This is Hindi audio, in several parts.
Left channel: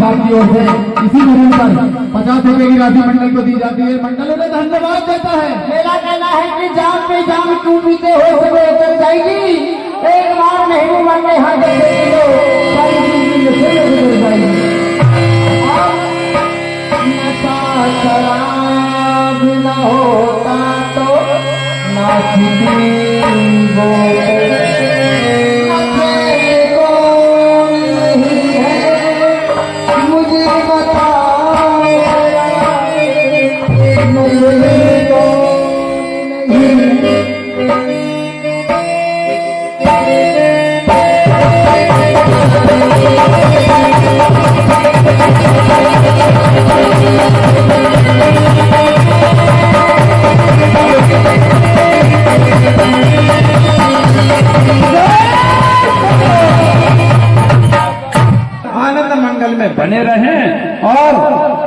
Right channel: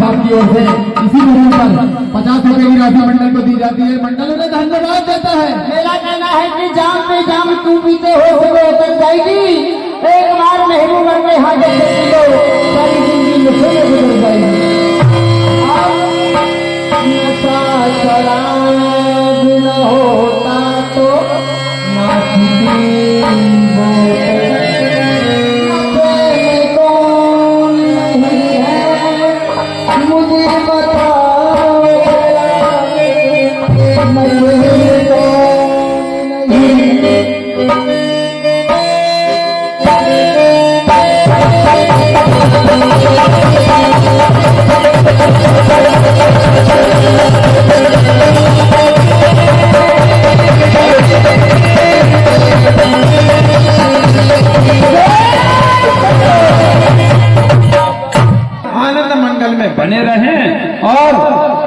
साहब की ओर से इसी मौके पर 50 रुपए की राशि मंडल को दी जाती है। मंडल उन्हें धन्यवाद देता है। मेरा कहना है कि जाम पे जाम तू भी तो हो सके उतर जाएगी, एक बार नहीं उम्र में हाथ दो सारी जिंदगी मुझे गुजर जाएगी। नशा शराब न होता तो ना किसी कौन नहीं है मुझे बताओ, नहीं कौन नहीं। आनंद मंगल में बने रहें। और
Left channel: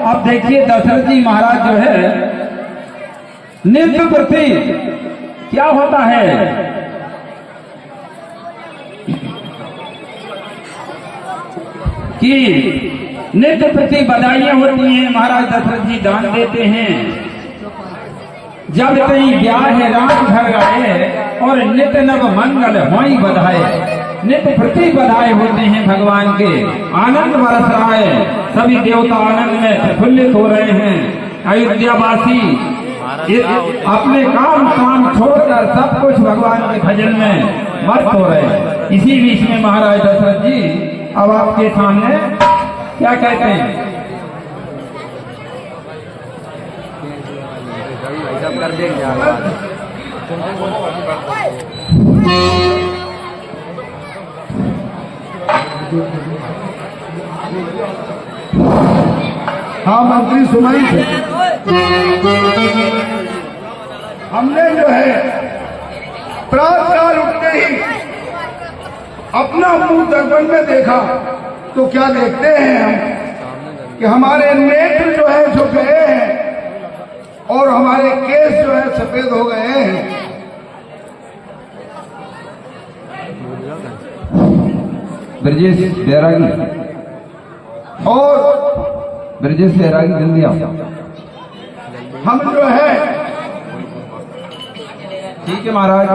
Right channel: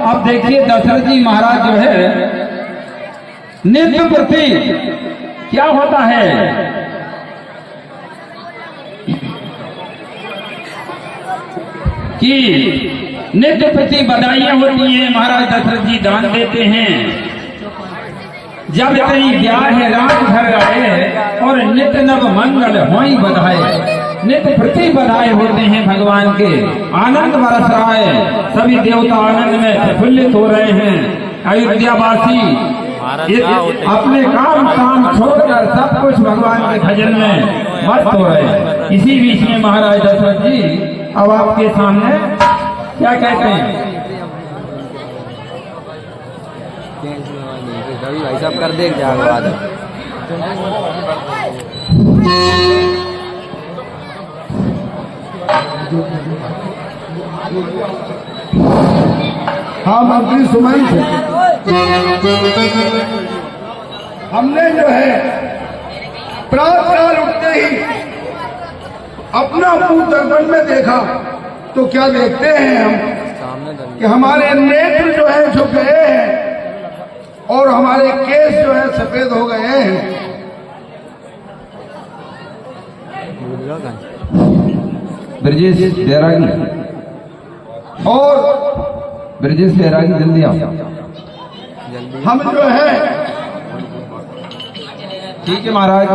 अब देखिए दशरथ जी महाराज जो है नित्य प्रति क्या होता है कि नित्य प्रति बधाइयां होती हैं। महाराज दशरथ जी दान देते हैं। जब कहीं ब्याह है रात घर आए और नित्य नव मंगल होई बधाए, नित्य प्रति बधाई होते हैं भगवान के। आनंद बरस रहा है, सभी देवता आनंद में प्रफुल्लित हो रहे हैं। अयोध्यावासी अपने काम छोड़कर सब कुछ भगवान के भजन में मस्त हो रहे हैं। इसी बीच में महाराज दशरथ जी अब आपके सामने क्या कहते हैं? कर देख हाँ मंत्री सुनाई थे। हमने जो है प्रातःकाल उठते ही अपना मुंह दर्पण में देखा तो क्या देखते हैं हम कि हमारे नेत्र जो है झुक गए हैं और हमारे केस जो है सफेद हो गए हैं। ब्रजेश बैरागी और ब्रजेश बैरागी जल्दी आओ। हम जो है ठीक है महाराज,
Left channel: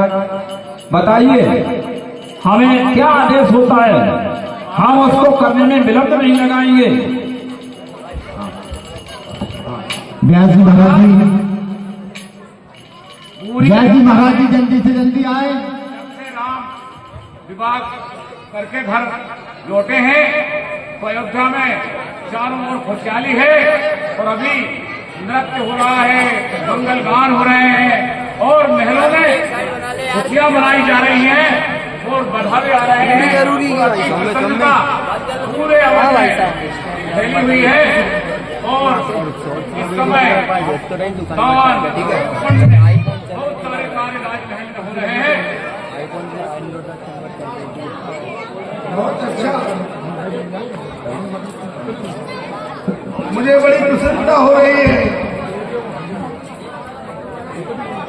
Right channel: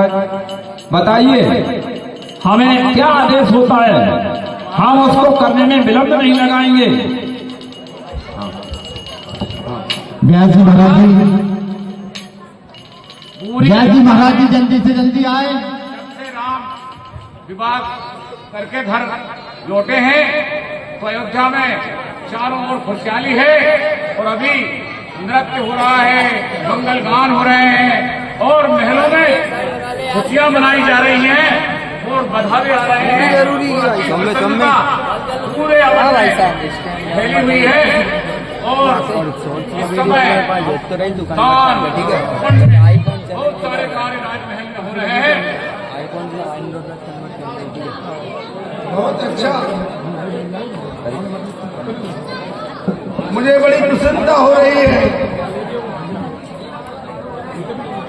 बताइए हमें क्या आदेश होता है, हम उसको करने में विलंब नहीं लगाएंगे। ब्यास जी महाराज जी, ब्यास जी महाराज जी जल्दी से जल्दी आए। राम विवाह करके घर लौटे हैं तो अयोध्या में चारों ओर खुशहाली है और अभी नृत्य हो रहा है, मंगल गान हो रहे हैं और महलों में खुशियां मनाई जा रही हैं और बधाई आ रहे हैं। पूरे फैली हुई है और इस समय दान बहुत सारे कार्य राजमहल में हो रहे हैं। बहुत अच्छा, मुझे बड़ी प्रसन्नता हो रही है।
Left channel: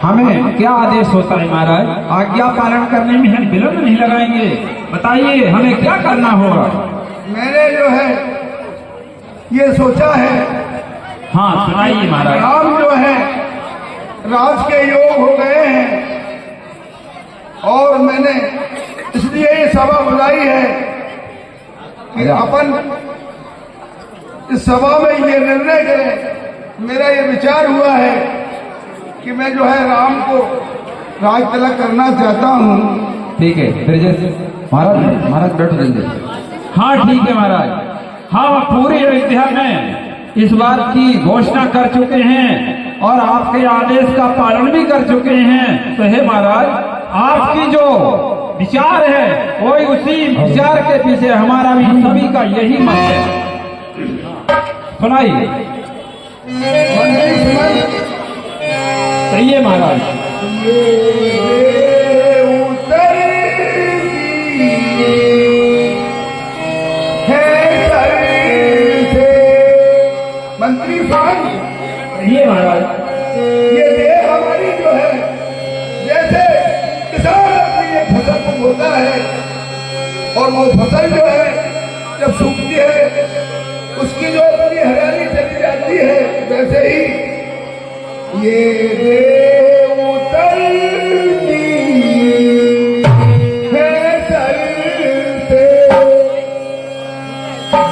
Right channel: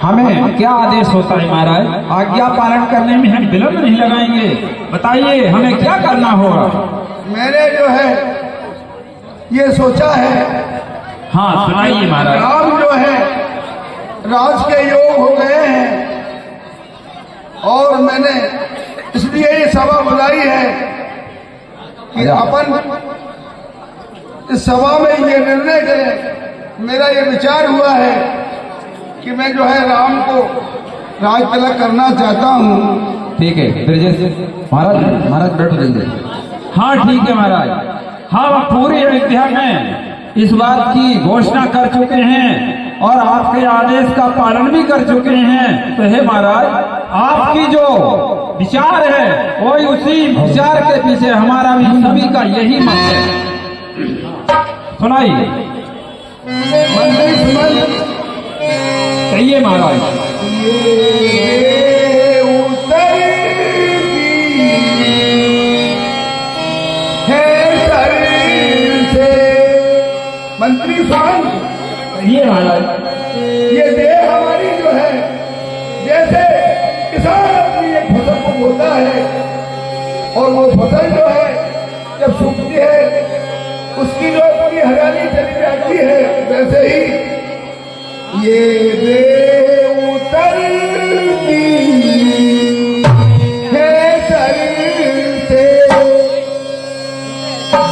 हमें क्या आदेश होता है महाराज? आज्ञा पालन करने में हम विलंब नहीं लगाएंगे। बताइए हमें क्या करना होगा? मैंने जो है ये सोचा है। हाँ सुनाइए महाराज। राम जो है राज के योग हो गए हैं और मैंने इसलिए ये सभा बुलाई है कि अपन इस सभा में ये निर्णय करें। मेरा ये विचार हुआ है कि मैं जो है राम को राज तिलक करना चाहता हूँ। ठीक है ब्रजेश महाराज बैठ जाइए। हाँ ठीक है महाराज, हम पूरी अयोध्या में इस बात की घोषणा कर चुके हैं और आपके आदेश का पालन भी कर चुके हैं। तो हे महाराज, आपकी जो विचार है वही उसी विचार के पीछे हमारा भी सभी का यही मत है। सुनाइए। कहिए महाराज। मंत्री साहब, कहिए महाराज। ये देह हमारी जो है जैसे किसान अपनी एक फसल को बोता है और वो फसल जो है जब सूखती है वैसे ही ये देव उतरती है सर से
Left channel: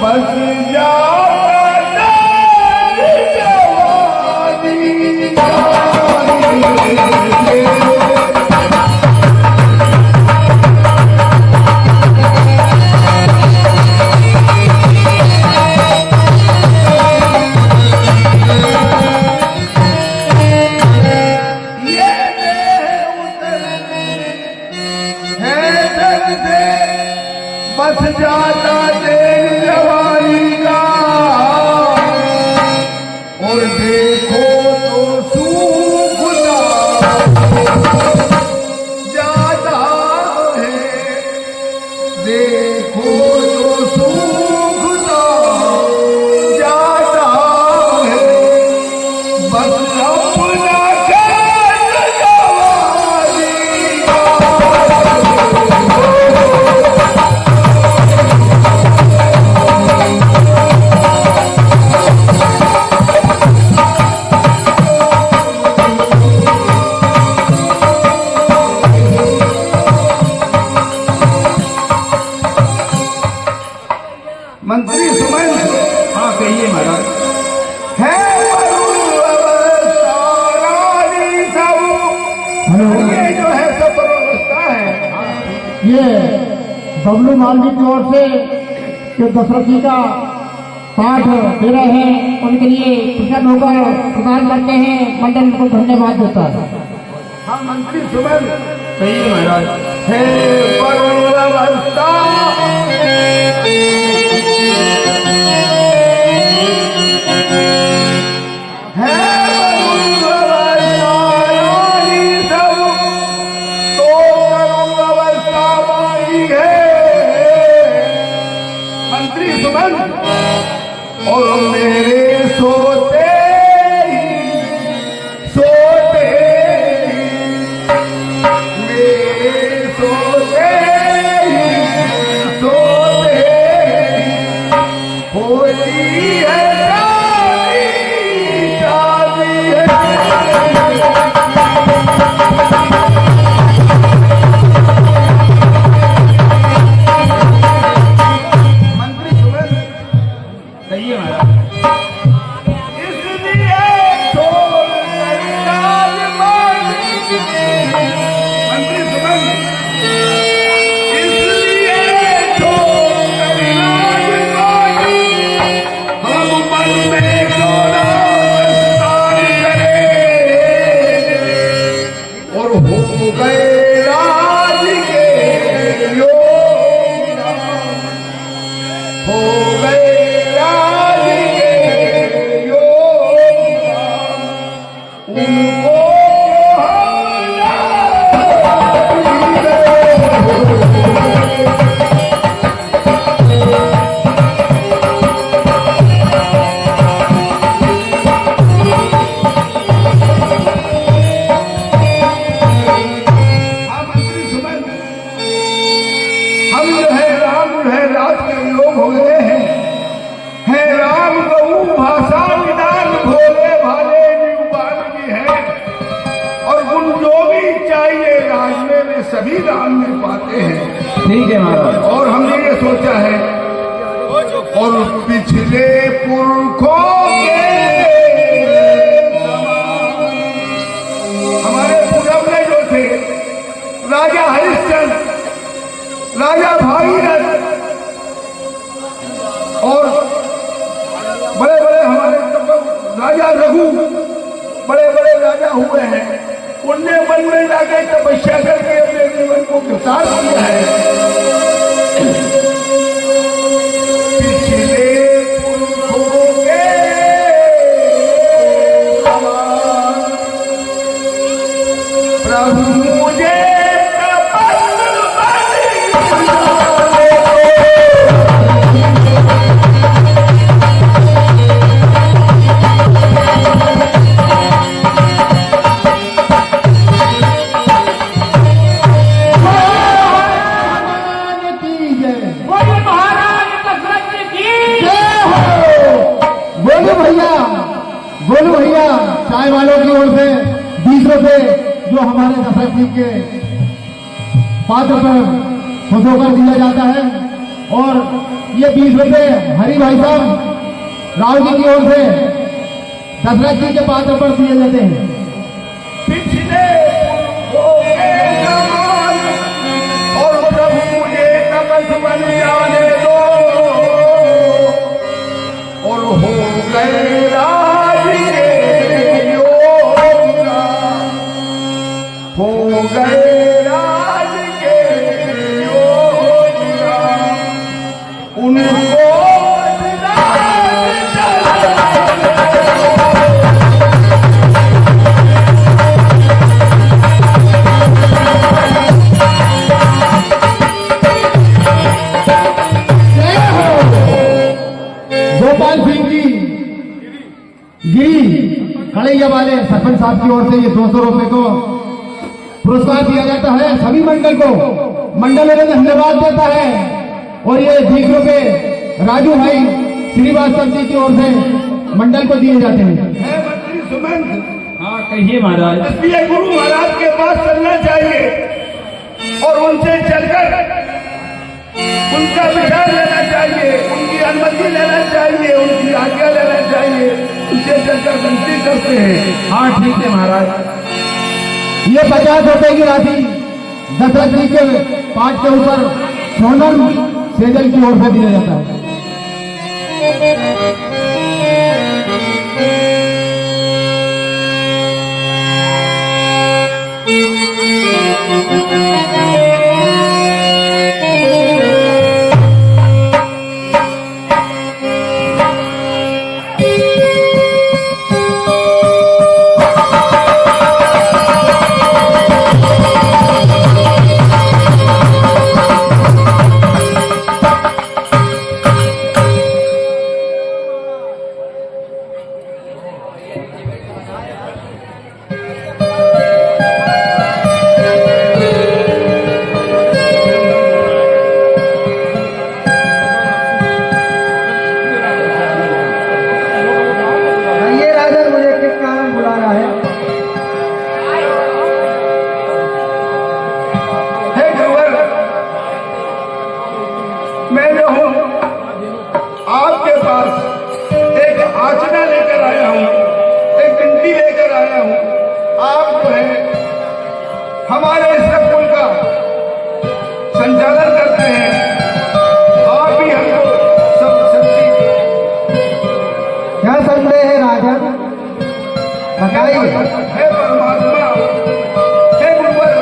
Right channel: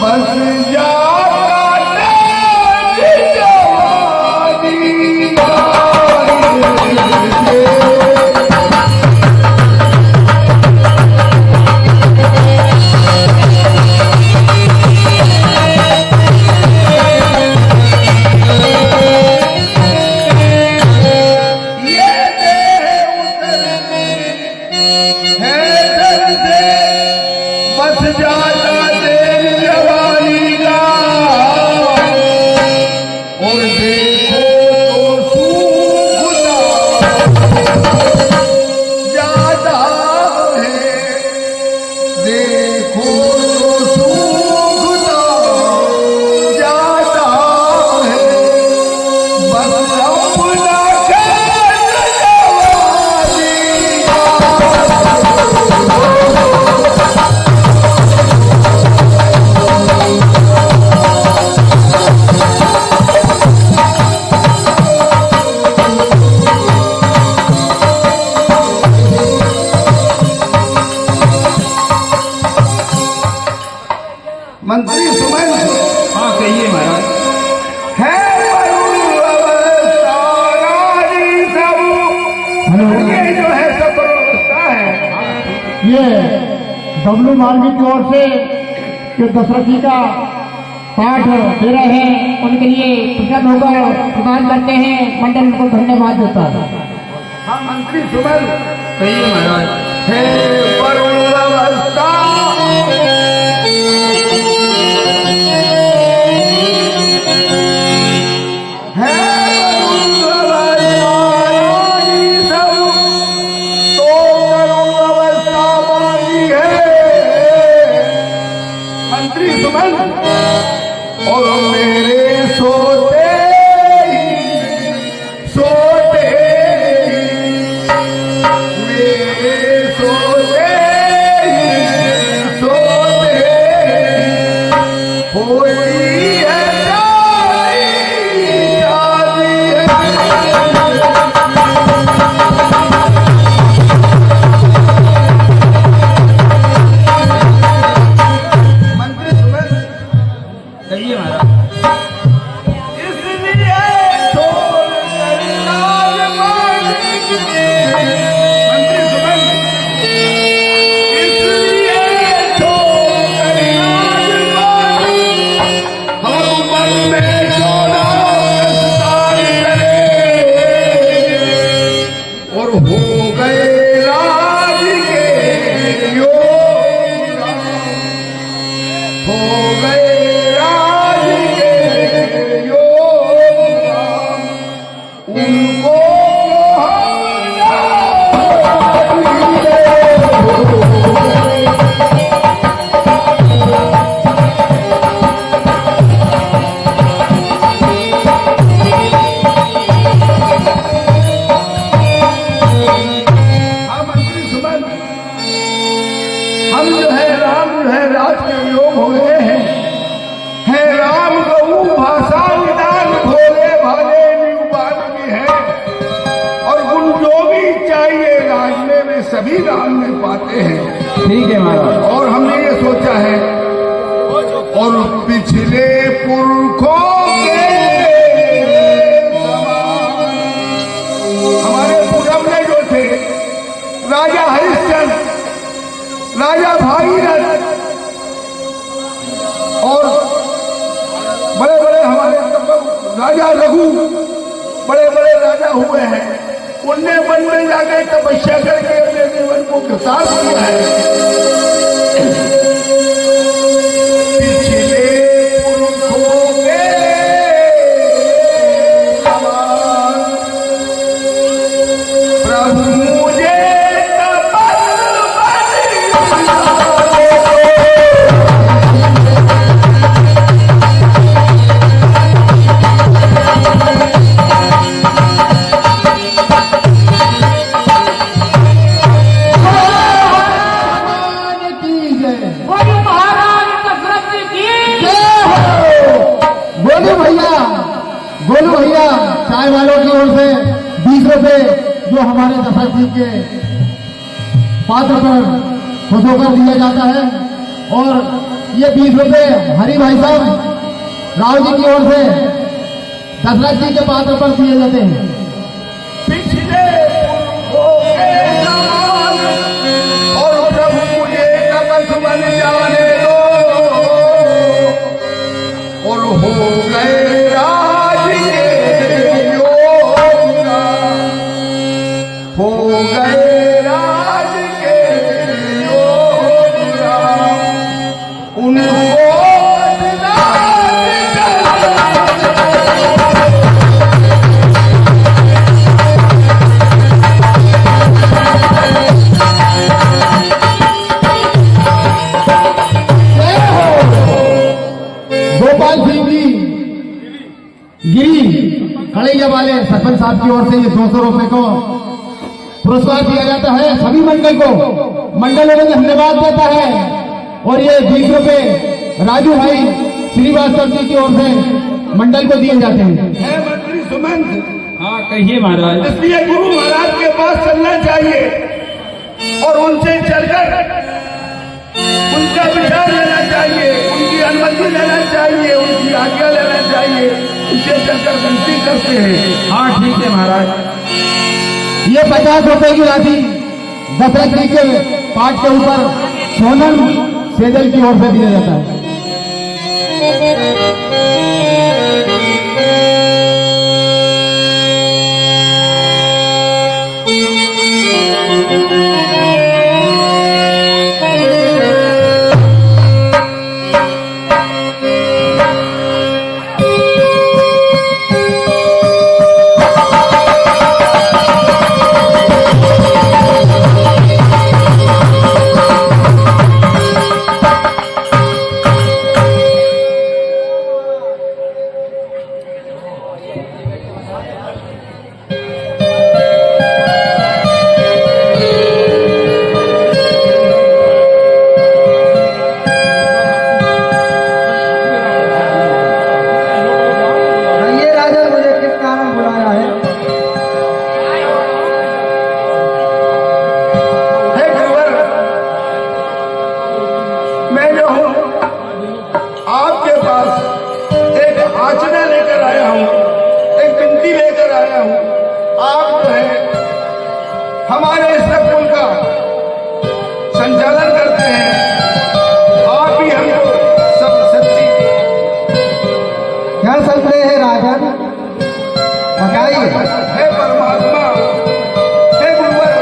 बस जाता जवानी बस जाता तेरी जवानी का और देखो तो सूखता जाता है, देखो तो सूखता जाता है, बस अपना मंत्री सुमन हाँ कहिए महाराज। है सारानी सब ये जो है सब व्यवस्था है। ये बबलू मालवी की ओर से जो दशरथ जी का पाठ दे रहे हैं उनके लिए टिकट होकर प्रदान करते हैं, मंडल को धन्यवाद देता है। हाँ मंत्री सुमन कहिए महाराज। है वरुण व्यवस्था है सारानी सब तो वरुण व्यवस्था वाली है मंत्री सुमन और मेरे सोते सोते मेरे सोते सोते होती है शादी है। मंत्री सुमन कहिए महाराज। इसलिए तो राजवाड़ी मंत्री सुमन इसलिए तो राजवाड़ी हम मन में जोड़ा विस्तार करें और हो गए राज के योग हो गए राज के योग उनको हाँ मंत्री सुमन हम जो है राम जो है राज के योग हो गए हैं राम गऊ भाषा निदान भोले भाले निगुबान भी है और गुण जो भी चाहिए राज में सभी राम में पाते हैं। ठीक है महाराज। और हमने ये सोचा है और पिछले पुरखों के हमारे पूरब में जो थे राजा हरिश्चंद्र राजा भागीरथ और बड़े बड़े हमारे राजा रघु बड़े बड़े राजा हुए हैं, उनने वन में जाकर तपस्या करके अपने जीवन को विकास किया है। पिछले पुरखों के प्रभु मुझे गोलू भैया चाय वालों की ओर से 20 रुपए जो हमारे दशरथ जी के पात्र पर खुद होकर दिया जाता है, और ये 20 रुपए हरि भाई साहब राव जी की ओर से दशरथ जी के पात्र पर दिए जाते हैं। पिछले हो गए जान और प्रभु मुझे कलश बन जाने दो, और हो गए राज के योगा, हो गए राज के योगा, उनको खड़ैया वाले सरपंच साहब की ओर से ये 200 रुपए को पुरस्कार दिया जाता है। सभी मंडल को मंडल में धन्यवाद देता है, और ये 20 रुपए राजू भाई श्रीवास्तव जी की ओर से मंडल को दिए जाते हैं। मंत्री सुमंत, हाँ कहिए महाराज। इसलिए गुरु महाराज के पास चलना चाहिए और उनसे चलकर उनका विचार लेना चाहिए, उनकी अनुमति लेना चाहिए, उनकी आज्ञा लेना चाहिए, उनसे चलकर विनती करते हैं। हाँ ठीक है महाराज। ये 50 रुपए की राशि दशरथ जी के पाठ के ऊपर सोनम सेजल की ओर से दिया जाता है। मैं जो हूँ आपके पास एक आचना लेकर आया हूँ, एक विनती लेकर आया हूँ। आप जो है हमारे इस स्कूल का संचालन करते हैं, आप ही हमको सब सच्ची क्या संदेह है राजन, बताइए। हे परमात्मा, हे गुरुवर,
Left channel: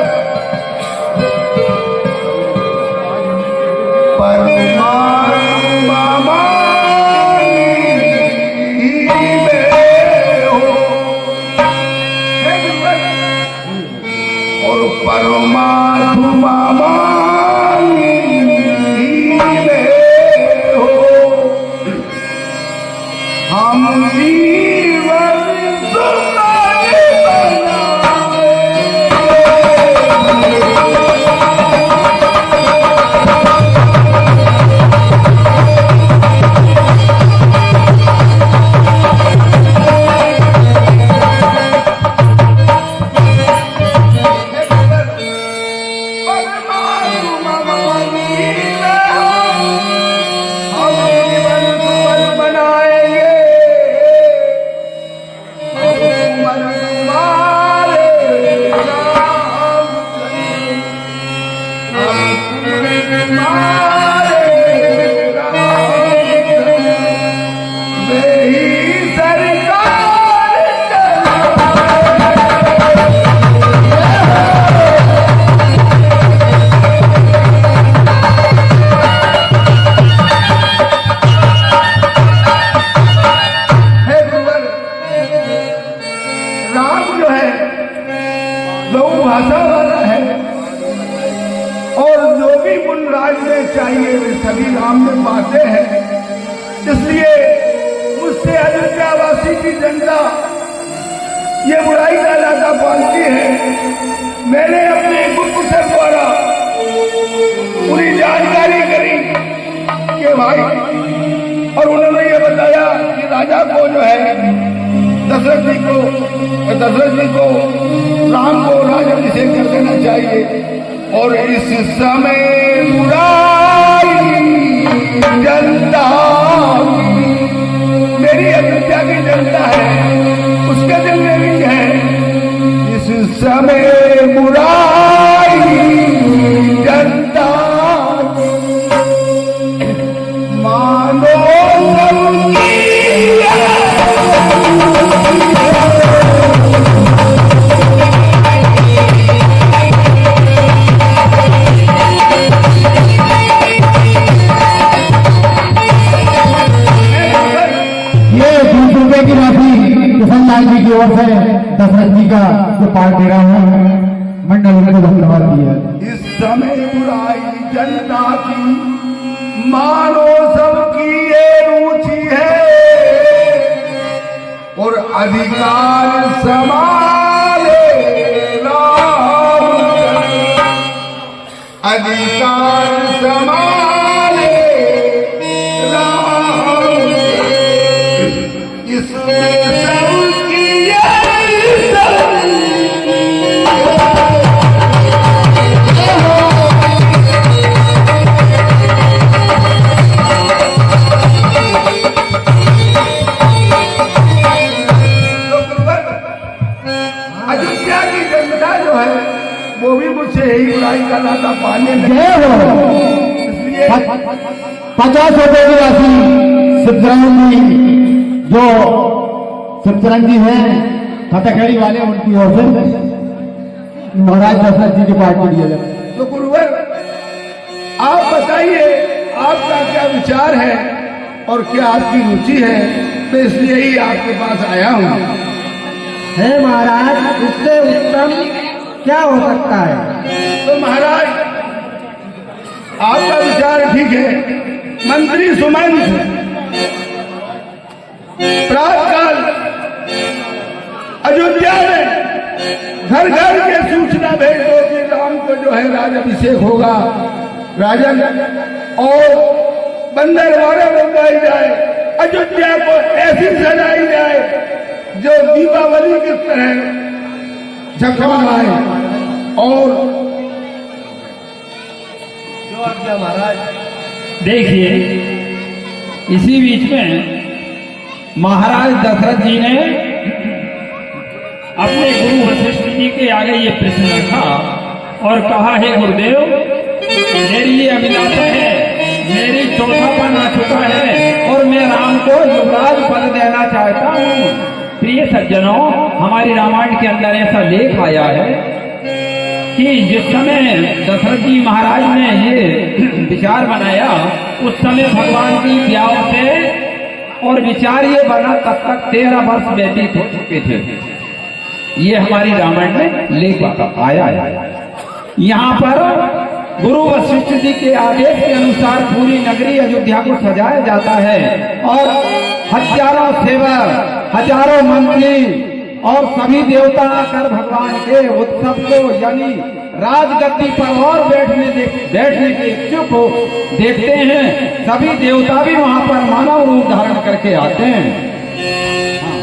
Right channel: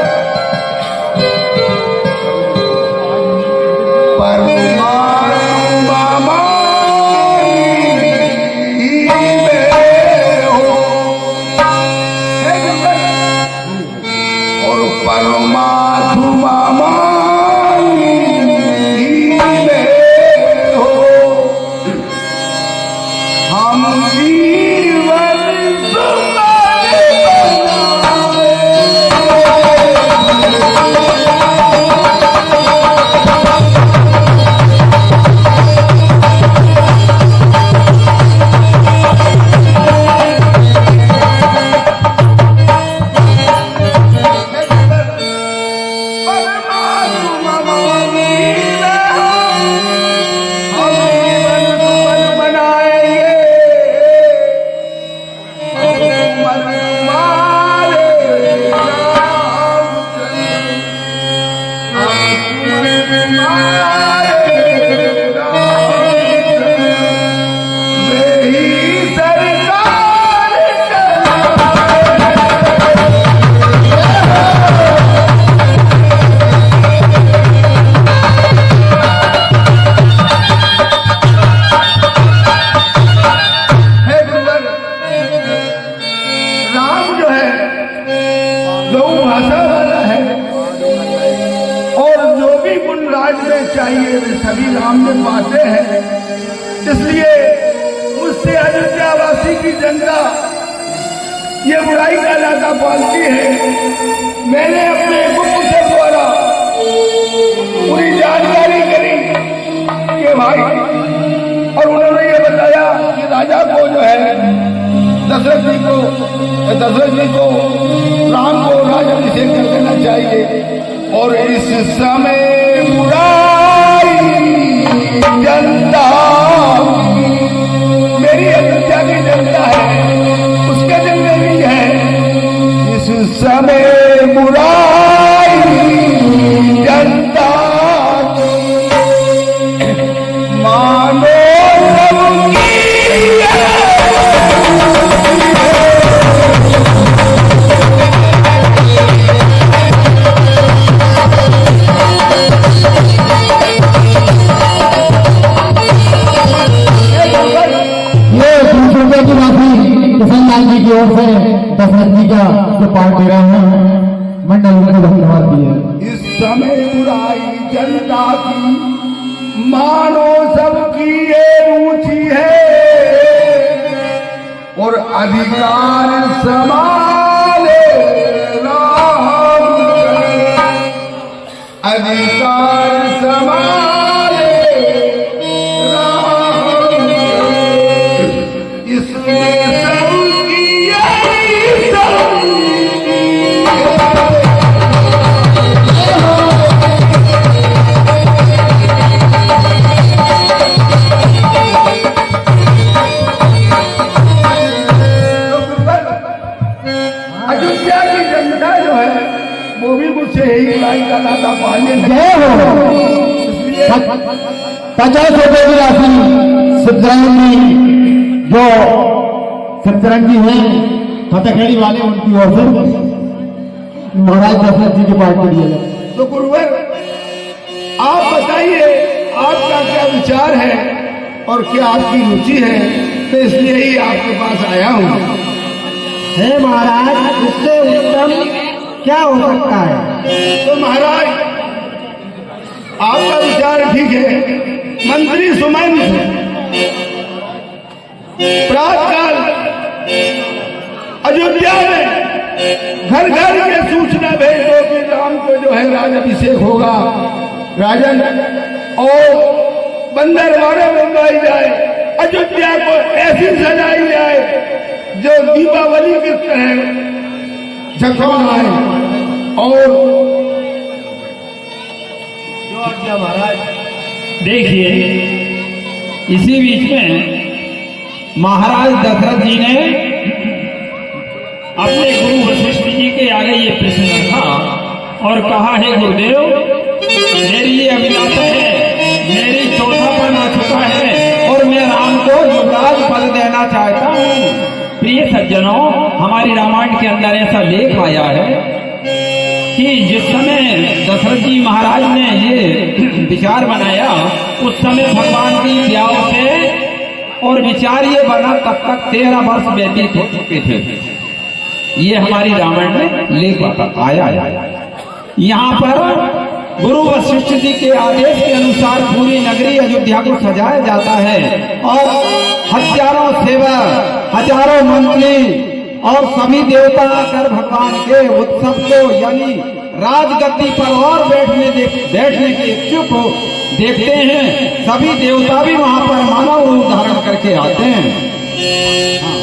चाहिए वे सभी राम में पाते हैं। इसलिए मुझसे अयोध्यावासी की जनता ये बुराई का लाता पालती है। मैंने अपने गुप्त से द्वारा पूरी जानकारी करी कि भाई, और उन्होंने ये बताया कि राजा को जो है दशरथ जी को राम को राज्याभिषेक कर देना चाहिए। और इस समय बुराई जनता, मेरी अयोध्या की जनता है, उसके जिम्मे भी है। इस समय बुराई जनता मानो की राशि किशन जी की ओर से दशरथ जी का जो पाठ दे रहा हूँ मंडल को धन्यवाद दिए। इस समय बुराई जनता की मानो सबकी ये रुचि है और अधिकार संभाले राम, अधिकार संभाले राम, इसमें सबकी यही अयोध्या की जनता जो है वो भी मुझसे यही बुराई का लाता पाने जय हो। 50 रुपए की राशि शिवचरण जी, जो शिवचरण जी हैं खतखेड़ी वाले, उनकी ओर से महाराज दशरथ जी के पाठ के लिए। तो गुरुवर आप बताइए आपका क्या विचार है और क्या आपकी रुचि है, मैं इसलिए ही आपके पास आया हूँ। है महाराज, इससे उत्तम क्या हो सकता है। तो महाराज आपका विचार ठीक है। मंत्री सुमंत प्रातःकाल अयोध्या में घर घर के सूचना भेज दो कि राम को जो है राज्याभिषेक होगा, राजन, और बंदर वारे बनवाई जाए, अयोध्या को ऐसी सजाई जाए जो दीपावली की तरह झकमगाए। और जो आज्ञा महाराज। देखिए, इसी बीच में महाराज दशरथ जी ने अपने गुरु वशिष्ठ जी के आगे ये प्रश्न रखा और कहा, है गुरुदेव, मेरी ये अभिलाषा है, मेरी चौथापन आ चुका है और मैं राम को युवराज पद देना चाहता हूँ। प्रिय सज्जनों, हमारी रामायण के अंदर ऐसा लेख आया है कि जिस समय दशरथ जी महाराज ने ये विचार बनाया, उस समय भगवान की ब्याह से और विचार ये बना तब तक 13 वर्ष व्यतीत हो चुके थे। ये हमारी रामायण में लेख आया है। यहाँ पर गुरु वशिष्ठ जी के आदेश के अनुसार पूरी नगरी अयोध्या को सजाया जाता है और हजारों सेवक, हजारों मंत्री और सभी देवता आकर भगवान के उत्सव को यानी राजगद्दी पर और बैठने के इच्छुक हो देखते हैं। सभी देवता भी वहां पर मानव रूप धारण करके आते हैं। हाँ।